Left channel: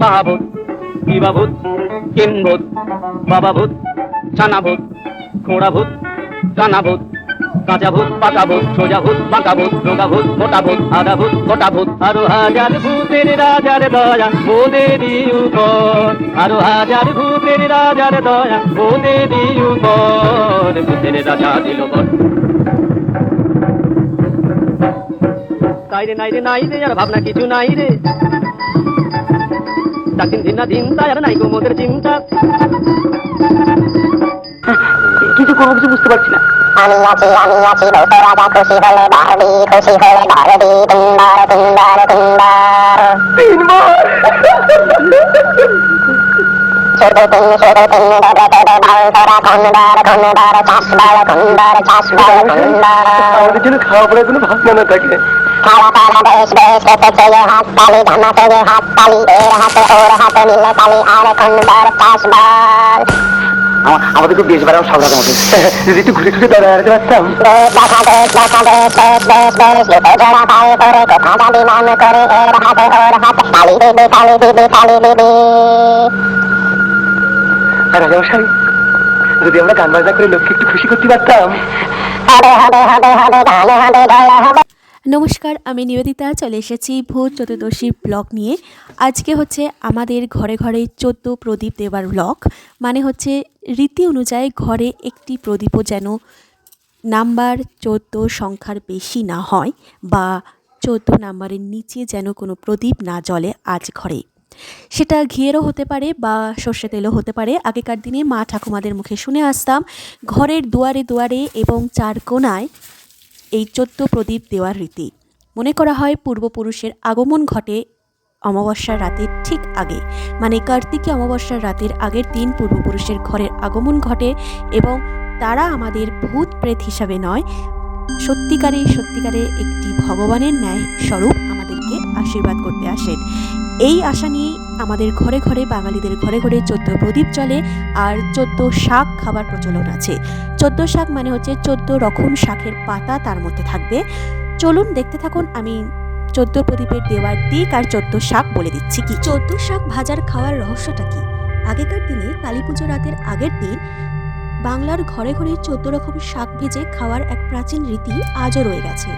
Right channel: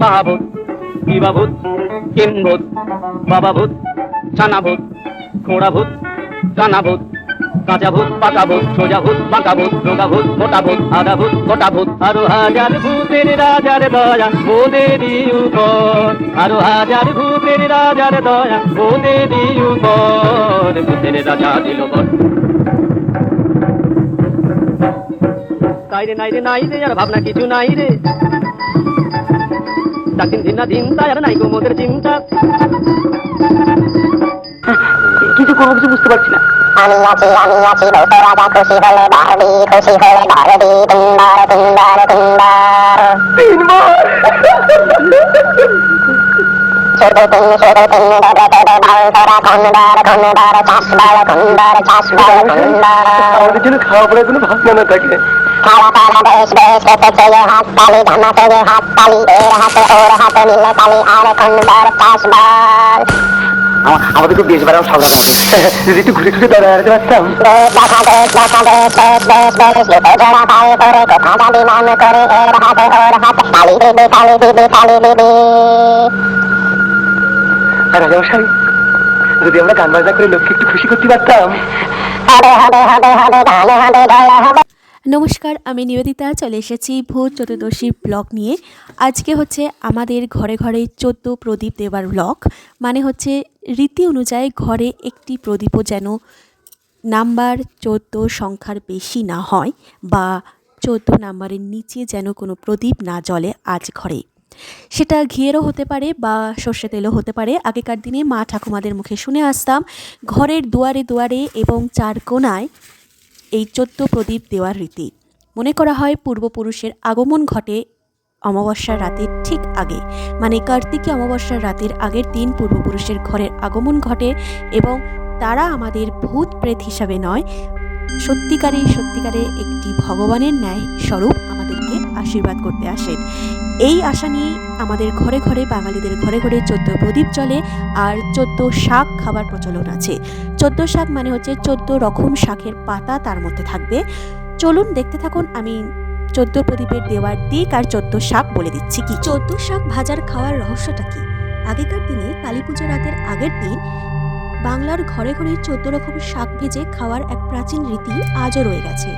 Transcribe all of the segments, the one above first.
মহাভূত দিবাভূত কিম্ভূত বাবাভূত ছানাভূত খোড়াভূত কানাভূত কাঁচাভূত পাকাভূত সোজাভূত বাঁকাভূত রোগাভূত মোটাভূত আধাভূত গোটাভূত আরো হাজার ভূতের রাজার দয়া ওদেরই উপর আরো হাজার ভূতের রাজার দয়া ওদেরই উপর ভূতের রাজা দিল বর নাই রে আর ভাবনা কিছু নাই রে চাকদিন দিন না দিন তাই আর নাই গো মোদের চিন্তা কিছু কোনো কিছু বুঝতে পারছি না আমি আছি বলতো রাজা খুশি হলে বারবি খুশি হলে বারবি তিনবার তিনবার তিনবার শুধু তিন দেবে দেবে বাউন্সরা খন্ডার খন্ডার চাষবার খন্ডার চাষবার খন্ডার আমাদের জন্য খাওয়া পড়ার কোনো ভাবনা না থাকে খাওয়া খাওয়া বেশ বেশ খেতে চেয়ে হাত তালি ধামাতে যে হাত তালি এর হাতে ওর হাতে মিলে তালি আর খন্ডার চাষবার আমাদের খুব বেশ বাড়াও সাবধান আমাকে যদি একটু ঘুরে ঘুরে দাঁড়াতে পারতাম দেখা দেশ লোকে জোড়া পায়ে করে কোথা দাবি মান করে এর হাতে ওর হাতে তালি দিবি তালি দিবি তালি দিবি আর রাজামশাই যদি আমরা গান বাজনা করে লোককে একটু খুশি করতে পারতাম হবে হবে হবে হবে গানে হবে গলে হবে। নমস্কার, আমি নিবেদিতা চলে এসেছি ভূত চতুর্দশী ব্লগ নিয়ে। আজকে হচ্ছে আমাদের ঘরে ঘরে 14 প্রদীপ দেওয়ার ব্লগ। মানে হচ্ছে রীতি অনুযায়ী ঘরে একটি প্রদীপও যেন নাম্বার 14 সংখ্যার বেশি না হয় বা 14 নাম্বারের নিচে যেন কোনো প্রদীপ না জ্বলে আজ ঘরে। সেটা ঘিয়েরও হতে পারে বা সর্ষে তেলও হতে পারে। আগেকার দিনে মা ঠাকুমাদের মুখে শুনে আসতাম ঘরের দুয়ারে দুয়ারে এবং চার কোণায় এই 14 প্রদীপ দেওয়ার রীতি। মনে করা হয় পূর্বপুরুষের আগমন ঘটে অমাবস্যার রাতের ঠিক আগে, মানে কার্তিকী অমাবস্যার রাতের আগের দিন পূর্বপুরুষের ঘরের আগমন ঘটে এবং তারা আমাদের ভূত প্রেত হিসাবে নয়, সত্যিকারে একটি ভগবানের ন্যায় স্বরূপ আমাদেরকে আশীর্বাদ করতে আসেন। এই আশা নিয়ে আমাদের ঘরে ঘরে বাঙালিদের ঘরে ঘরে 14 প্রদীপ জ্বলে আর 14 শাক খাবার প্রচলন আছে। 14 শাক মানে হচ্ছে 14 রকম শাকের পাতা তার মধ্যে থাকবে। চলুন দেখতে থাকুন, আমি 14 প্রদীপের দেওয়ার দিক আর 14 শাক বলে দিচ্ছি। কি 14 শাক ভাজার খাওয়ার রহস্যটা কি? আগেকার দিনে কালী পুজো রাতের আগের দিন বাংলার ঘরে ঘরে 14 রকম শাক ভেজে খাওয়ার এক প্রাচীন রীতি আজও রয়ে গেছে।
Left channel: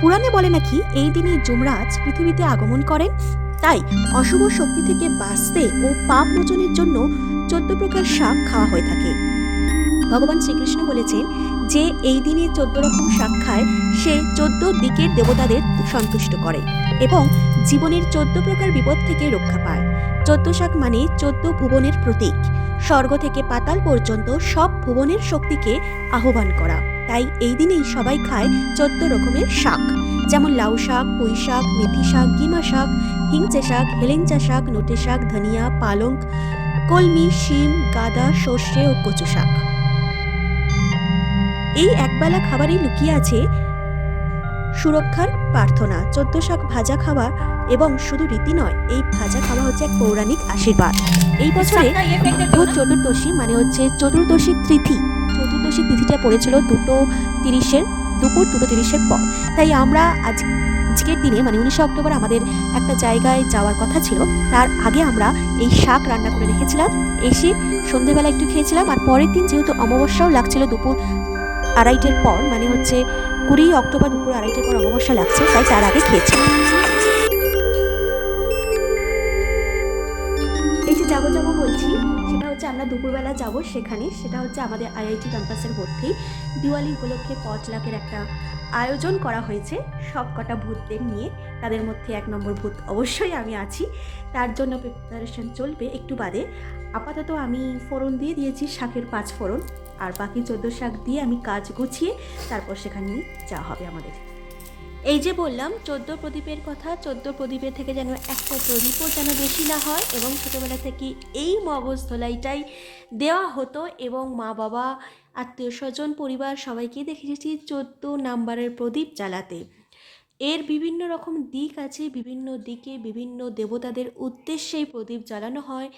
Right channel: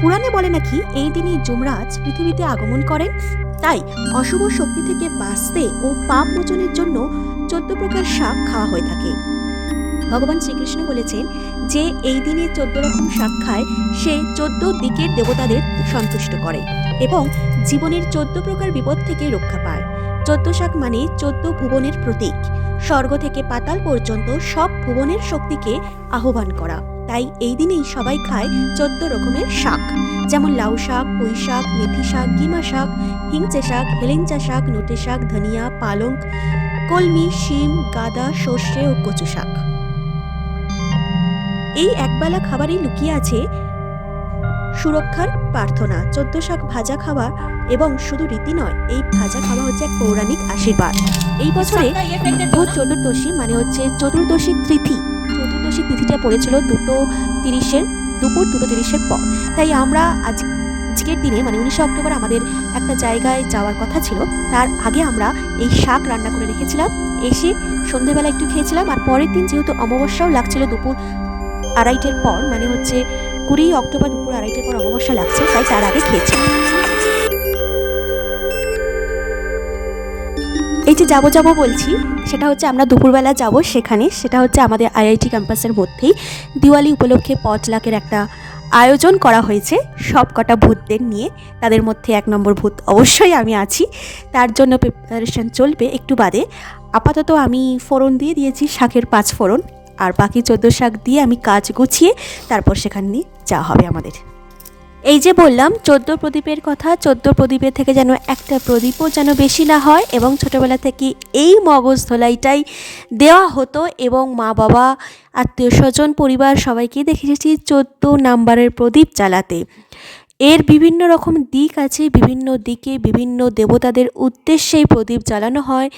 পুরাণে বলে নাকি এই দিনে যমরাজ পৃথিবীতে আগমন করেন, তাই অশুভ শক্তি থেকে বাঁচতে ও পাপ মোচনের জন্য 14 প্রকার শাক খাওয়া হয়ে থাকে। ভগবান শ্রীকৃষ্ণ বলেছেন যে এই দিনে 14 রকম শাক খায় সে 14 দিকের দেবতাদের সন্তুষ্ট করে এবং জীবনের 14 প্রকার বিপদ থেকে রক্ষা পায়। 14 শাক মানে 14 ভুবনের প্রতীক। স্বর্গ থেকে পাতাল পর্যন্ত সব ভুবনের শক্তিকে আহ্বান করা। তাই এই দিনেই সবাই খায় 14 রকমের শাক, যেমন লাউ শাক, পুঁই শাক, মেথি শাক, গিমা শাক, হিংচে শাক, হেলেঞ্চা শাক, নোটে শাক, ধনিয়া, পালং, কলমি, শিম, গাদা, সর্ষে ও কচু শাক। এই একবেলা খাবারে লুকিয়ে আছে সুরক্ষার প্রার্থনা। 14 শাক ভাজা খাওয়া এবং শুধু রীতি নয়, এই ভাজা খাওয়া হচ্ছে এক পৌরাণিক আশীর্বাদ। এই বছরে ভূত চতুর্দশী মানে হচ্ছে চতুর্দশী তিথি। চতুর্দশী তিথিটা পড়েছিল 2:30 দুপুর 2:30 পর। তাই আমরা আজকের দিনে মানে 19 অক্টোবর আমাদের একটা জায়গায় যাওয়ার কথা ছিল, তার আগে আমরা এই শাক রান্না করে রেখেছিলাম। এসে সন্ধ্যেবেলা একটু খেয়েছিলাম আর পরের দিন যেহেতু অমাবস্যাও লাগছিল দুপুর 2:30 পর, মানে হচ্ছে 20 অক্টোবর দুপুর 2:30 পর অমাবস্যা লাগছে, তাই তার আগে খেয়েছি। এই যে যাবো বলছি সেটা হচ্ছে আমরা দুপুরবেলা যাব সেখানে। সেটা হচ্ছে আমাদের আইআইটি ক্যাম্পাসের মধ্যেই দিওয়ালি উপলক্ষে পটলাকের একটা আয়োজন করা হয়েছে সব কটা ভূতদের নিয়ে। তাদের মধ্যে 1 নম্বর ভূত অবশ্যই আমি আছি, তার জন্য প্রিপারেশন চলবে একটু বাদে। আপাতত আমি ফোড়ন দিয়ে দিয়েছি শাকের 5 ফোড়ন, আর বাকি 14 শাক দিয়ে আমি কাজ গুছিয়ে তারপর সেখানে নিয়ে যাওয়া হবে আমাদের। এই যে বললাম 14 প্রদীপের কথা, 14 প্রদীপের থেকে যেন একটা প্রদীপও যেন বেশি না হয় এবং ছোটোবেলা থেকে এই মগজ ধোলাইটাই দেওয়া হতো এবং মা বাবা আত্মীয় স্বজন পরিবার সবাইকে দেখে এসেছি 14 নাম্বারের প্রদীপ জ্বালাতে। এর বিভিন্ন রকম দিক আছে, বিভিন্ন দিকে বিভিন্ন দেবতাদের উদ্দেশ্যে প্রদীপ জ্বালানো হয়।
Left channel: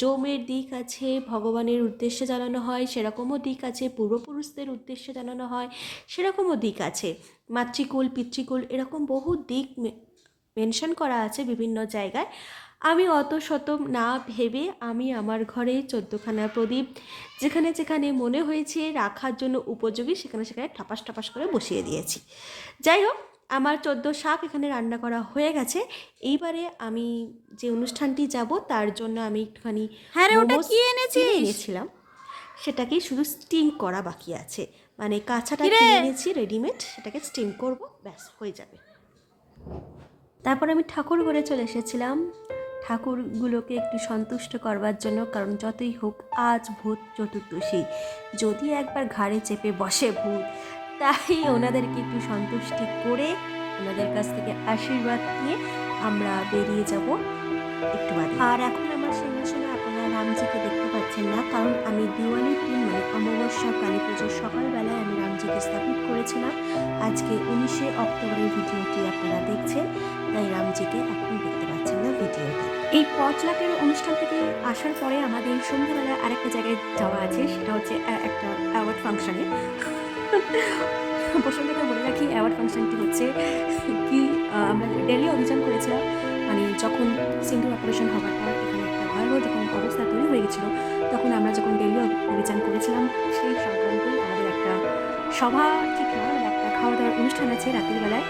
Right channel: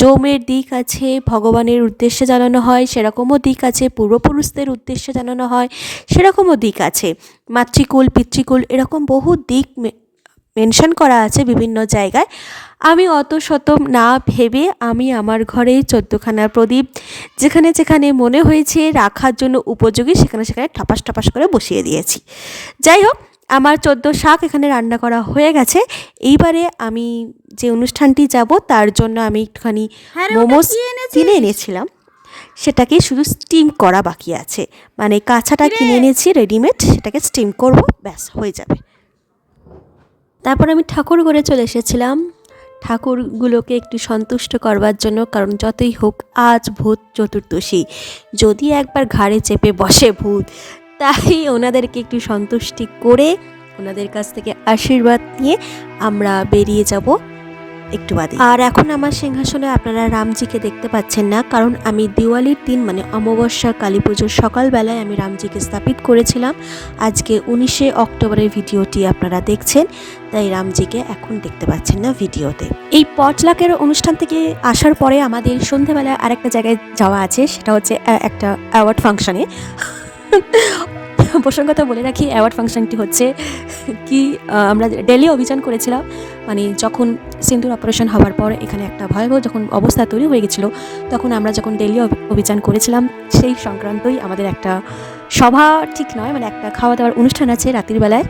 যমের দিক আছে, ভগবানের উদ্দেশ্যে জ্বালানো হয়, সেরকমও দিক আছে। পূর্বপুরুষদের উদ্দেশ্যে জ্বালানো হয়, সেরকমও দিক আছে। মাতৃকুল পিতৃকুল এরকম বহু দিক মেনশন করা আছে বিভিন্ন জায়গায়। আমি অত শত না ভেবে আমি আমার ঘরে 14খানা প্রদীপ যেখানে যেখানে মনে হয়েছে রাখার জন্য উপযোগী সেখানে সেখানে ঠাপাস ঠাপাস করে বসিয়ে দিয়েছি। যাই হোক, আমার 14 শাক এখানে রান্না করা হয়ে গেছে। এইবারে আমি যে অনুষ্ঠানটি যাব তার জন্য আমি একটুখানি মোমোস কিনে এনেছিলাম, সেটাকে শুধু স্টিম করা বাকি আছে। মানে কাঁচাটা কিনে এনেছি রেডিমেড, সেটাকে স্টিম করব, ব্যাস হয়ে যাবে। তারপর আমি ঠাকুর ঘরে চলে এসেছিলাম ঠাকুরগুলোকে একটু সন্তুষ্ট করবার জন্য, কারণ যতই হোক আজ ভূত চতুর্দশী, যদি একবার ঘাড়ে চেপে বসে ভূত, তাই ওনাদেরকে একটু সন্তুষ্টি করে ওনাদের কাছ থেকে আশীর্বাদ নিয়ে আমরা বেরিয়ে যাব একটু বাদে। আর এখন আমার সিংহাসনে আপনারা রামজিকে দেখতে পাচ্ছেন না, কারণ আমি দিওয়ালির দিন মানে অমাবস্যা কালী পুজোর সকালবেলায় আমি রামজিকে স্থাপিত করেছিলাম। আজকে 19শে অক্টোবরের ভিডিওটি আপনারা দেখছেন, তাই রামজিকে এখন দেখতে পাচ্ছেন না ভিডিওতে। এই পটলাকের অনুষ্ঠান থেকে আসার পরে আমাদের সন্ধ্যেবেলায় আরেকটা জায়গায় যাওয়া আছে, সেটা হচ্ছে একটা অ্যাওয়ার্ড ফাংশনে। প্রসঙ্গত বলে রাখি, অ্যাওয়ার্ড ফাংশনটি হচ্ছে কি, আমরা ডেলি অভিযান করেছিলাম, মানে যখন সিন্দুর অপারেশন হওয়ার পর এখানে একটা ভয়াবহ যখন অবস্থা তৈরি হয়ে গেছিলো, তখন আমরা যখন ডেলি অভিযান করেছিলাম সেই সংক্রান্তই আমাদের একটা সভা ঠিক নয়, মানে একটা খাওয়া দাওয়ার অনুষ্ঠান আছে রাতের বেলায়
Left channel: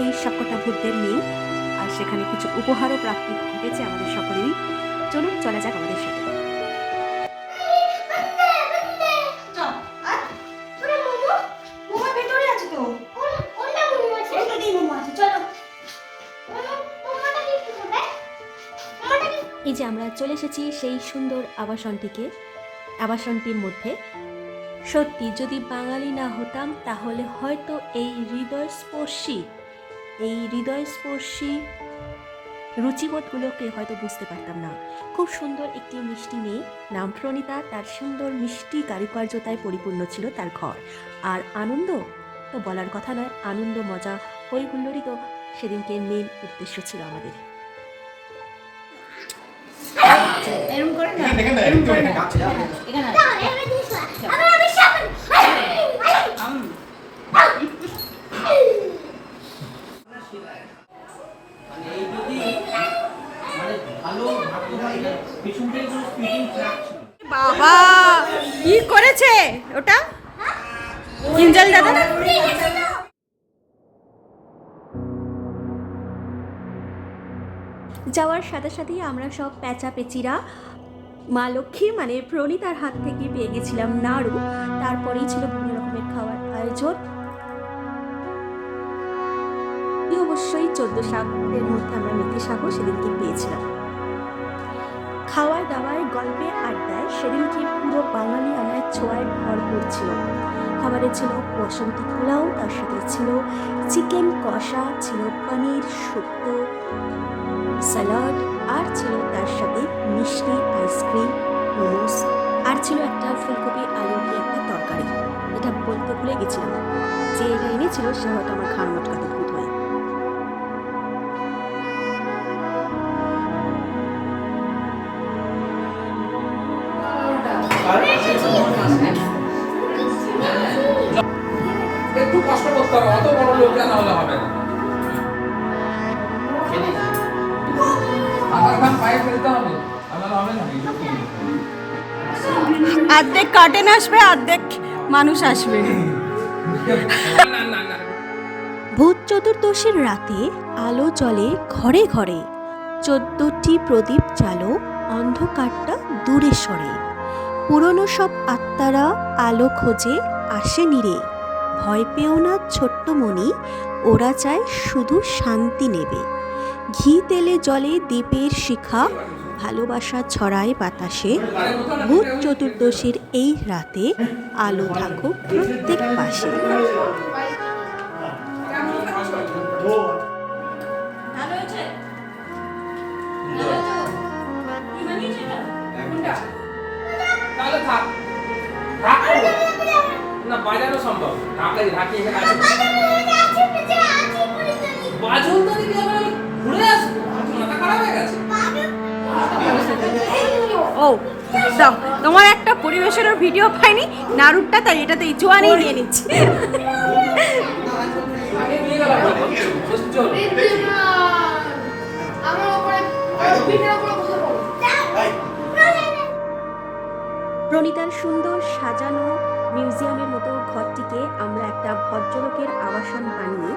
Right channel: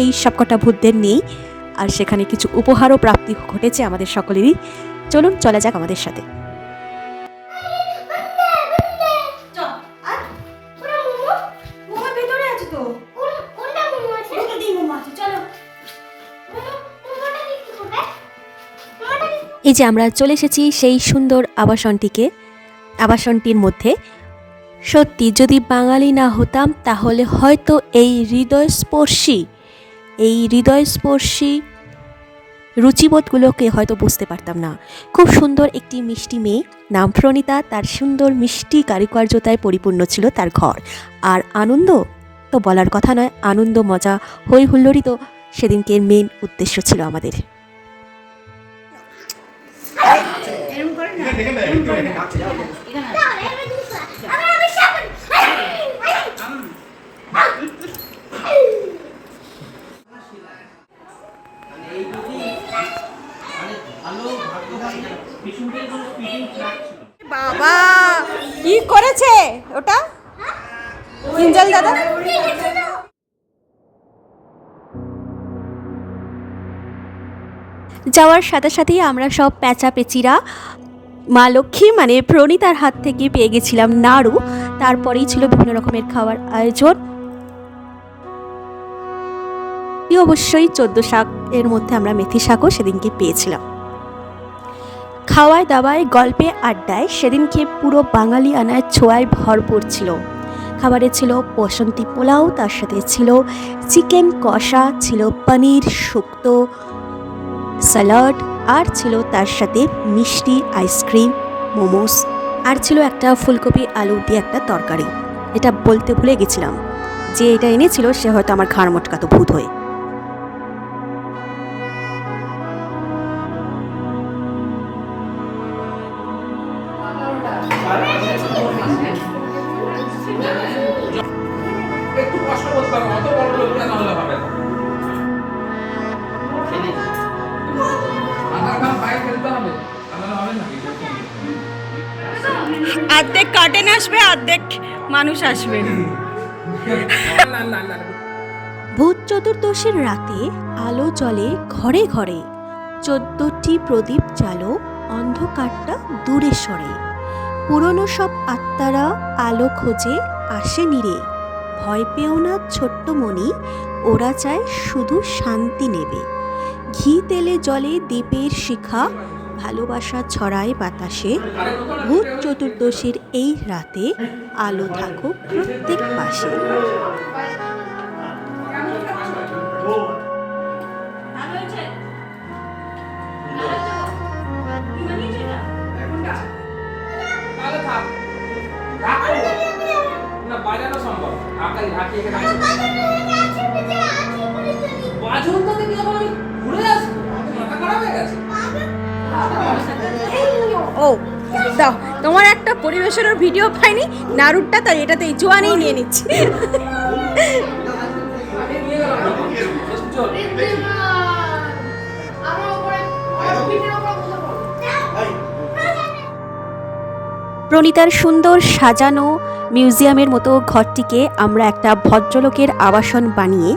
এই সবকটা ভূতদের নিয়েই। আর সেখানে কিছু উপহারও প্রাপ্তি ঘটেছে আমাদের সকলেরই। চলুন চলা যাক আমাদের সাথে। এই যে আমরা চলে এসেছি সেই সুন্দর আবাসনটির মধ্যে। সত্যি যদি বাঙালি না হতাম তাহলে হয়তো এই হৃদয়স্পর্শী রুচিবোধগুলোকে হয়তো বুঝতে পারতাম না। খুব সুন্দর একটি মিষ্টি মেয়ে, নাম প্রণীতা, তার সুন্দর মিষ্টি কারুকার্যতায় পরিপূর্ণ ছিল তার ঘর। আর আনন্দ তো বলার কথা নয়, আনন্দ মজা হই হুল্লোড়ই তো সেদিনকে মেন উদ্দেশ্য ছিল আমাদের। বাবা কি করেছে ওটা কিঞ্জল দাদা? যাওয়ার সাথে সাথেই আমরা সব পেঁচিরা মা লক্ষ্মী মানে প্রণীতার হাত থেকে পেয়ে গেছিলাম নাড়ু। তারপরেই ছিল বিভিন্ন রকমের খাওয়ার আয়োজন। অবশ্যই 14 শাকের মধ্যে আমরা মেথি শাকও সেদিনকে পেয়েছিলাম। খাওয়ায় দাওয়ায় গল্পে আড্ডায় সেদিনকে পুরো বাঙালি আনায় ছোঁয়ায় ভরপুর ছিল। খাবারে ছিল বসন্তী পোলাও, তার সাথে ছিল চিকেন কষা, ছিল পনির শুক্তো, স্যালাড, আর ছিল তার সাথে মিষ্টি, আইসক্রিম, মোমোস, আর ছিল একটা ফুলকপি আলু দিয়ে একটা তরকারি। এটা বলতে ভুলে গেছিলাম, যে এটা এনেছিল সে হয়তো আমার ঘাড় মোটকাতো ভূত হয়ে। একটু কষ্ট করতে হবে, অত বড় লোক কেন হলে হবে না। অর্ধেক কার্টেন আসবে, অর্ধেক মানুষ আসবে। ভূত চতুর্দশীর রাতে আলো জ্বলে ঘরে ঘরে, 14টি প্রদীপ জ্বালো, অন্ধকারটা দূরে সরে। পুরনো সব আত্মারা আলো খোঁজে আসে নিরে, ভয় পেও না ছোট্ট মনি, ওরা চায় শুধু শান্তি নেবে। ঘি তেলে জলে দীপের শিখা, ভালোবাসা ছড়ায় বাতাসে। ভূত চতুর্দশীর এই রাতে আলো থাকুক প্রত্যেক পাশে। বাজানো সম্ভব আপনাকে ঢাকি এখানে আছে বাজুন তো দেখি এখন আমি ঘুরে আসবো, মাথা খারাপ হয়ে গেছে। ও দাও, তোমার একটা পরিবেশনের ভিডিও পাইনি নাড়ুটা, তাই এটাতে জোয়ানি নিয়ে নিচ্ছি। প্রণীতার সুন্দর সাজানো মিউজিয়ামের মতো ঘরটিকে আমরা একটা ভদ্রলোকের আবাসন বানিয়ে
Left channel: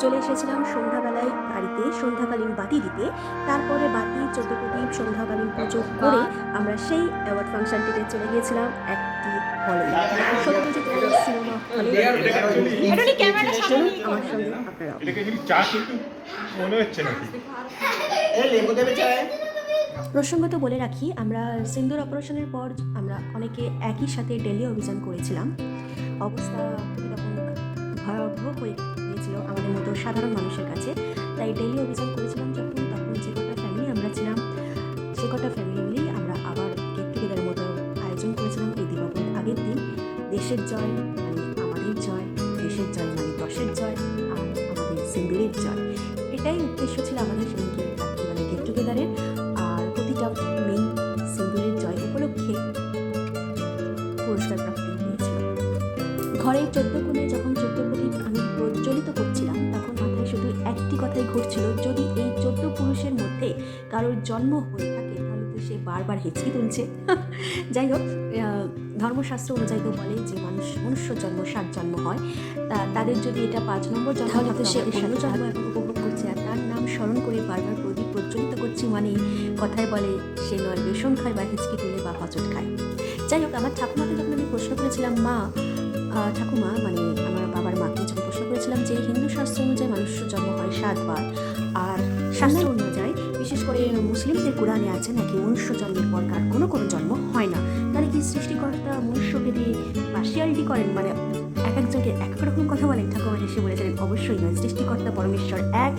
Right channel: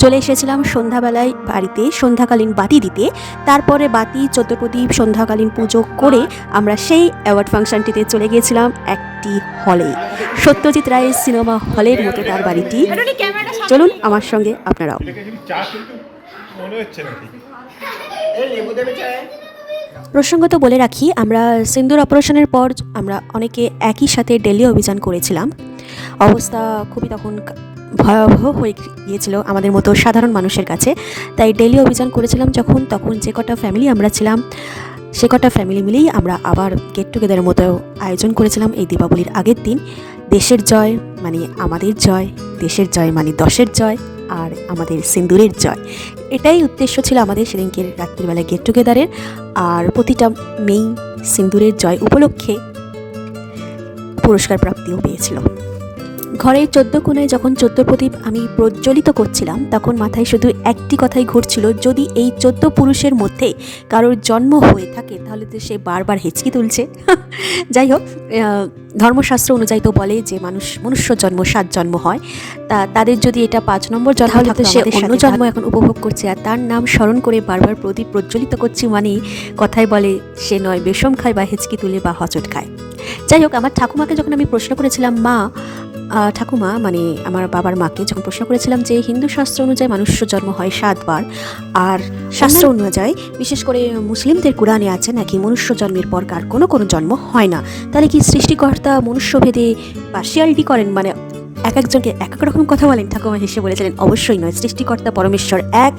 চলে এসেছিলাম সন্ধ্যাবেলায় বাড়িতে সন্ধ্যাকালীন বাতি দিতে। তারপরে বাতি 14 প্রদীপ সন্ধ্যাকালীন পুজো করে আমরা সেই অ্যাওয়ার্ড ফাংশনটিতে চলে গিয়েছিলাম একটি হলে, সত্যজিৎ রায়ের সিনেমা হলের মতো তার বাড়িটি। চলুন আমার সঙ্গে আপনারাও। মনে হচ্ছে নাকি প্রসঙ্গত বলে রাখি, আমরা সিন্দুর অপারেশনের পর আমরা অনেকে একই সাথে দিল্লি অভিযান করেছিলাম। অবস্থা খুবই তখন ভয়াবহ হয়ে গিয়েছিল আমাদের মতো সাধারণ মানুষের কাছে। তাই দিল্লি অভিযান করেছিলাম যখন, তখন যে কটা ফ্যামিলি আমরা ছিলাম সে কটা ফ্যামিলি মিলেই আমরা আবার গেট টুগেদারের মতো আয়োজন করেছিলাম এই দীপাবলির আগের দিন। দেশের জয় মানে আমাদের জয়, দেশের জয় মানে দশের জয়, আর আমাদের সিন্দুরের জয়। এটাই উদ্দেশ্য ছিল আমাদের সেদিনকে রাত্রিবেলা গেট টুগেদারের। আর প্রতিটা মেয়ে সিন্দুরের জয় উপলক্ষে পুরস্কার প্রাপ্তিও পেয়েছিল। ঘরের 14 কোণায় যখন 14 প্রদীপ আমি প্রজ্বলিত করছিলাম, তখন মাথায় শুধু একটি কথাই ঘুরছিল, যদি এই 14 পুরুষের মধ্যে কারোর জন্ম হয়ে থাকে তাহলে তো সে বারবার হেঁচকি তুলছে। যাই হোক, ধর্মশাস্ত্র অনুযায়ী তো বলে যে মনুষ্য জন্ম 7 জন্ম হয়, তাদের যদি এটা 5 নম্বর জন্ম থাকে সে অন্য জন্ম এখন উপভোগ করছে, আর তার নাম স্মরণ করে বারবার প্রদীপ প্রজ্বলিত করছি মানেই কথায় বলে সে নয় বেশম খায় বা হেঁচকি তুলে বা হচট খায়। যাই হোক, আমার ঠাকুমাকে যখন আমি প্রশ্ন করেছিলাম, ঠাকুমা মানে আমার বাবার মাকে যখন প্রশ্ন করেছিলাম যে হিন্দু শাস্ত্র অনুযায়ী মনুষ্য জন্ম হয় 7 বার, আর শাস্ত্র অনুযায়ী বিশেষ করে মুসলিমদের কোরআনে আছে নাকি মনুষ্য জন্মের পর কার কোনো জন্ম হয় না, তাহলে কি সৃষ্টিকর্তা মনুষ্যভেদে পার্সিয়ালিটি করেন, মানে এক একজনকে এক এক রকম কথা বলেন? ঠাকুমা হেসে বলেছিলেন, অবশ্যই নয়, সৃষ্টিকর্তা পরমেশ্বর এক,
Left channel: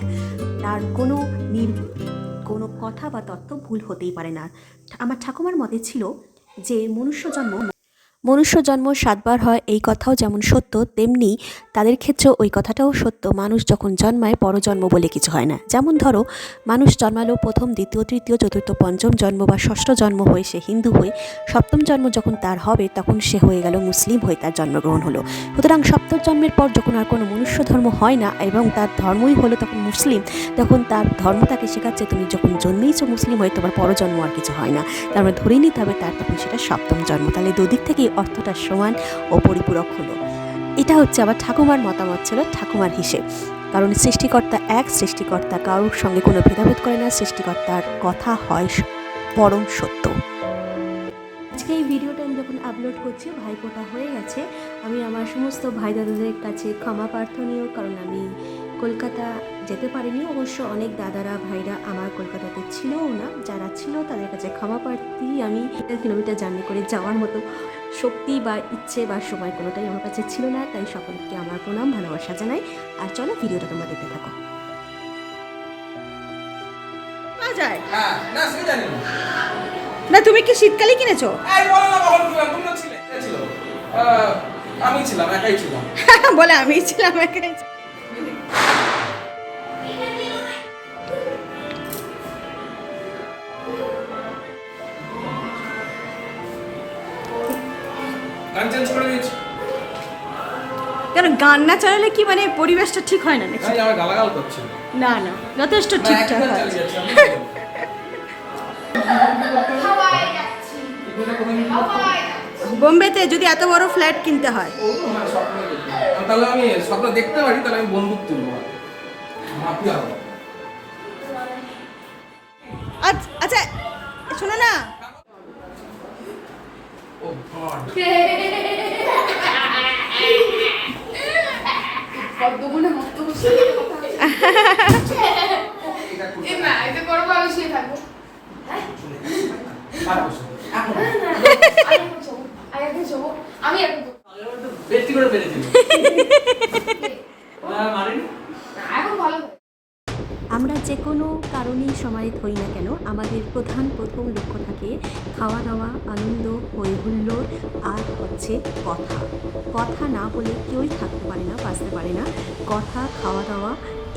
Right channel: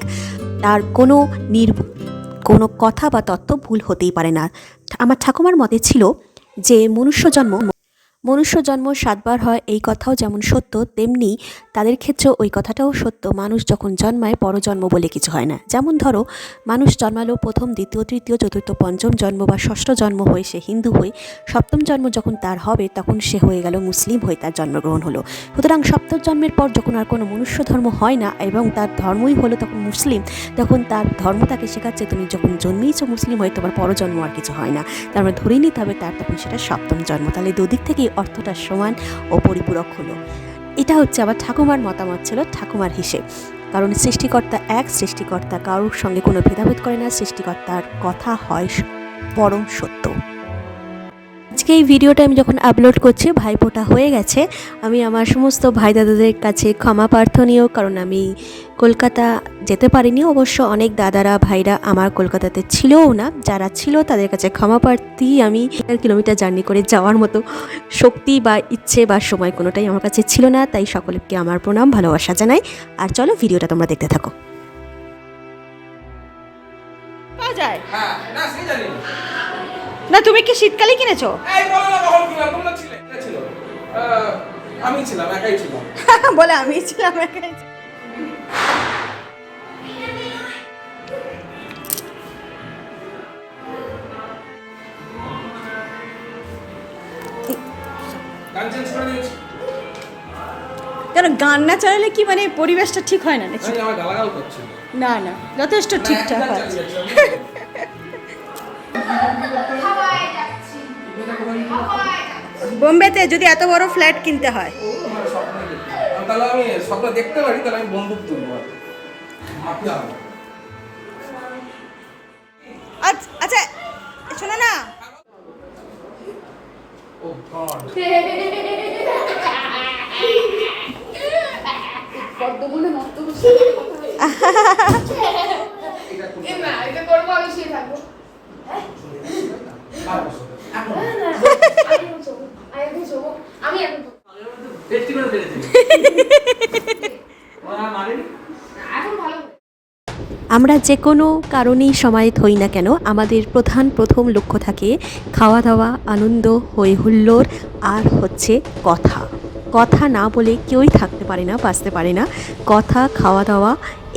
তার কোনো কথা বা তত্ত্ব ভুল হতেই পারে না। আমার ঠাকুমার মতে ছিল যে মনুষ্য জন্ম 7 বার হয়, এই কথাও যেমন সত্য তেমনি তাদের ক্ষেত্রেও ওই কথাটাও সত্য, মানুষ যখন জন্মায় পরজন্ম বলে কিছু হয় না। যেমন ধরো, মানুষ জন্মালো প্রথম, দ্বিতীয়, তৃতীয়, চতুর্থ, পঞ্চম জন্ম বা ষষ্ঠ জন্ম হয়ে সে হিন্দু হয়ে, সপ্তম জন্ম যখন তার হবে তখন সে হয়ে গেল মুসলিম হয়ে তার জন্মগ্রহণ হলো। সুতরাং সপ্তম জন্মের পর যখন আর কোনো মনুষ্য ধর্ম হয় না এবং তার ধর্মই হলো তখন মুসলিম, তখন তার ধর্ম তাকে শেখাচ্ছে তুমি যখন জন্মেইছো মুসলিম হয়ে তোমার পরজন্ম আর কিছু হয় না, তার মানে ধরেই নিতে হবে তার তখন সেটা সপ্তম জন্ম। তাহলে দুদিক থেকেই অর্থটা সমান ও পরিপূরক হলো। এটা হচ্ছে আবার ঠাকুমার মতামত, ছিল ঠাকুমার হিসেব। কারণ সৃষ্টিকর্তা এক, সৃষ্টিকর্তা কারোর সঙ্গে কোনো ভেদাভেদ করে না, সৃষ্টিকর্তার কথা হয় পরম সত্য। আজকে এই ভিডিওটা আমি যখন আপলোড করছি ভাইফোঁটা হয়ে গেছে, আমি আমার সমস্ত ভাই দাদাদের কাছে ক্ষমা প্রার্থনীয়, কারণ আমি কলকাতা যেতে পারিনি। অবশ্য অনেক দাদারা ভাইরা আমার কলকাতাতে ছিলও না, যারা ছিল তাদের কাছে ক্ষমা প্রার্থী। আমি 1 কিলোমিটার জার্নি করে যাওয়ার মতো শক্তি বা ইচ্ছে বা সময় কোনোটাই আমার কাছে ছিল না, তাই সকলকে আমার প্রণাম ভালোবাসা জানাই। আর চলো ভিডিওটা তোমরা দেখতে থাকো। পাওয়া যায় হ্যাঁ, না সে জানি না। না, তুমি কি শীতকালে কিনেছো? এই বলো না কখন ছিল, তোমরা ছিলে? কে ছিল? আমি ছিলাম, একাই ছিলাম। বলে আমি ছিলাম একাই। গান চেঞ্জ করে দিয়েছি। কেন গান না চালালে কি মানে পরিবেশটা ঠিক হয় না নাকি? ভাই আমার গালাগাল করছে। না না, যথেষ্ট ঠিকঠাক হয়। বোম্বেতে যদি এত বড় ফ্ল্যাট কিনতে হয়, তাহলে আমি স্বপ্ন দেখতে পারি, তাহলে আমি বন্দুক তুলবো। মাফিয়া হবো। আচ্ছা শোনো না, ও গড, পদ্মবনে মস্ত বসে না, এটা করবো আমি শুয়ে থাকবো। আমি এখন ব্যক্তি করে পেরেছি। মারিনি এখন ভালো। আমরা যে কোনো কারণেই সমাহিত হই না কেন, আমাদের প্রথম লক্ষ্য থাকে খাওয়া দাওয়া, আনন্দ, হই হুল্লোড়, আর হচ্ছে কথা না বলে কেউই থাকতে পারে না, বাঁচতে পারে না। কথা, খাওয়া দাওয়া,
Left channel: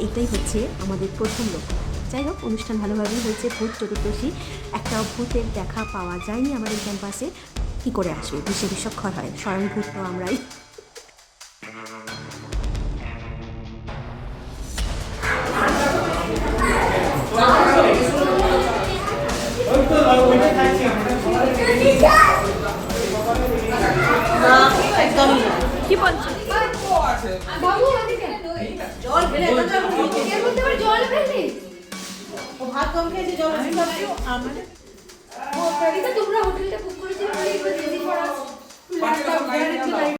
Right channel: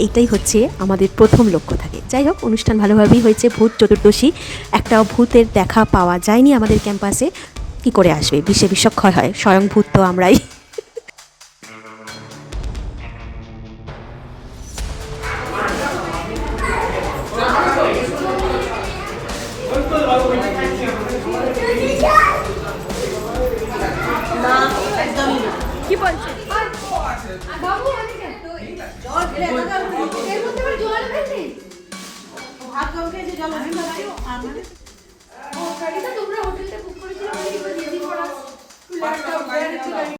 এইটাই হচ্ছে আমাদের প্রথম লক্ষ্য থাকে। যাই হোক, অনুষ্ঠান ভালোভাবেই হয়েছে। ভূত চতুর্দশী, একটা ভূতের দেখা পাওয়া যায়নি আমাদের ক্যাম্পাসে, কি করে আসবে? বিষে বিষক্ষয় হয়, স্বয়ং ভূত তো আমরাই। একদমই না। কি বলছে বাবু এদিকে জল খেলে এর মধ্যে আবার জল ফেলবি ভাত কম খেয়েছে জল ও তোমরা হোটেলটা বুক করেছিলে বলে এবার রেডি করা ল্যাপটপ